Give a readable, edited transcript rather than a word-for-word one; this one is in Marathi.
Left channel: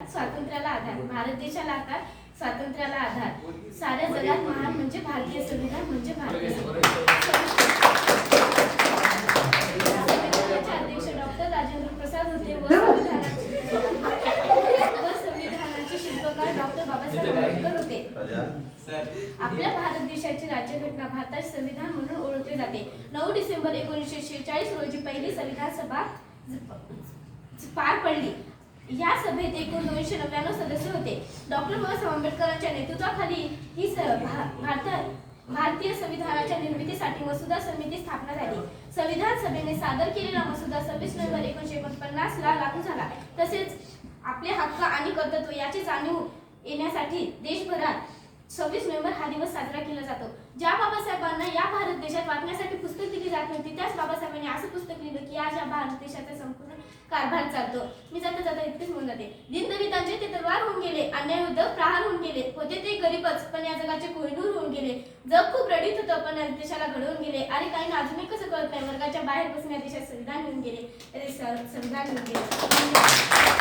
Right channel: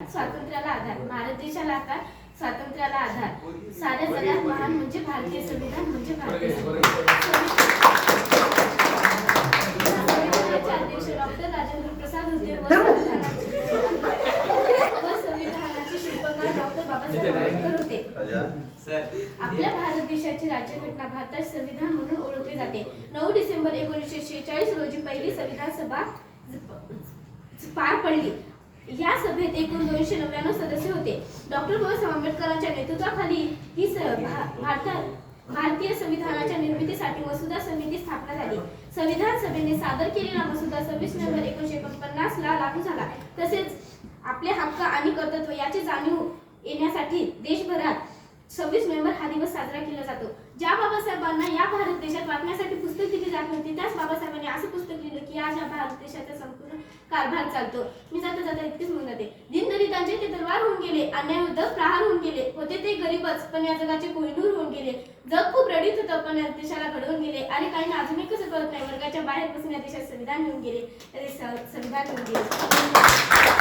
स्वातंत्र्याला आधार, भारत देशाला आधार, स्वातंत्र्याला आधार, साऱ्या जगात महान म्हणजे भारतीय संविधान म्हणजे भारतीय अध्यक्ष डॉक्टर राजेंद्र प्रसाद होते व संविधानाचे शिल्पकार डॉक्टर बाबासाहेब आंबेडकर होते. आपल्या भारत देशाची राज्यघटना भारताचे संविधान म्हणून ओळखले जाते. 9 डिसेंबर 1946 रोजी पहिली संविधान सभा पार पडली. या सभेत एकूण 299 सदस्य होते. डॉक्टर बाबासाहेब आंबेडकरांच्या नेतृत्वाखाली ही भारतीय संविधानाच्या निर्मितीसाठी मसुदा समिती स्थापना झाली. संविधान सभेने सादर केलेला मसुदा 26 नोव्हेंबर 1949 ला लागू झाला. तसेच आपले हक्क आणि कर्तव्य याची जाणीव येण्यासाठी देशभरात 26 नोव्हेंबर हा दिवस साजरा केला जातो. ज्या बाबासाहेबांना या भारत देशात वाचण्यासाठी पुस्तक दिली जात नव्हती, त्याच बाबासाहेबांनी असं पुस्तक लिहिलं की आज या भारत देशाचा संपूर्ण कारभार चालतो. मी जाता इतकेच म्हणत आहे, दीनदलितांचे ते तलवार होऊन गेले, अन्यायविरुद्ध प्रहार होऊन गेले. होते ते गरीबच पण या जगाचे कोहिनूर होऊन गेले. जग खूप रडीत होतं पण या देशाला घडवून गेले. आणि काही अजूनही कसं कळत नाही, वर्गाच्या बाहेर बसून या देशात संविधान घेऊन गेले. संविधान घेऊन गेले.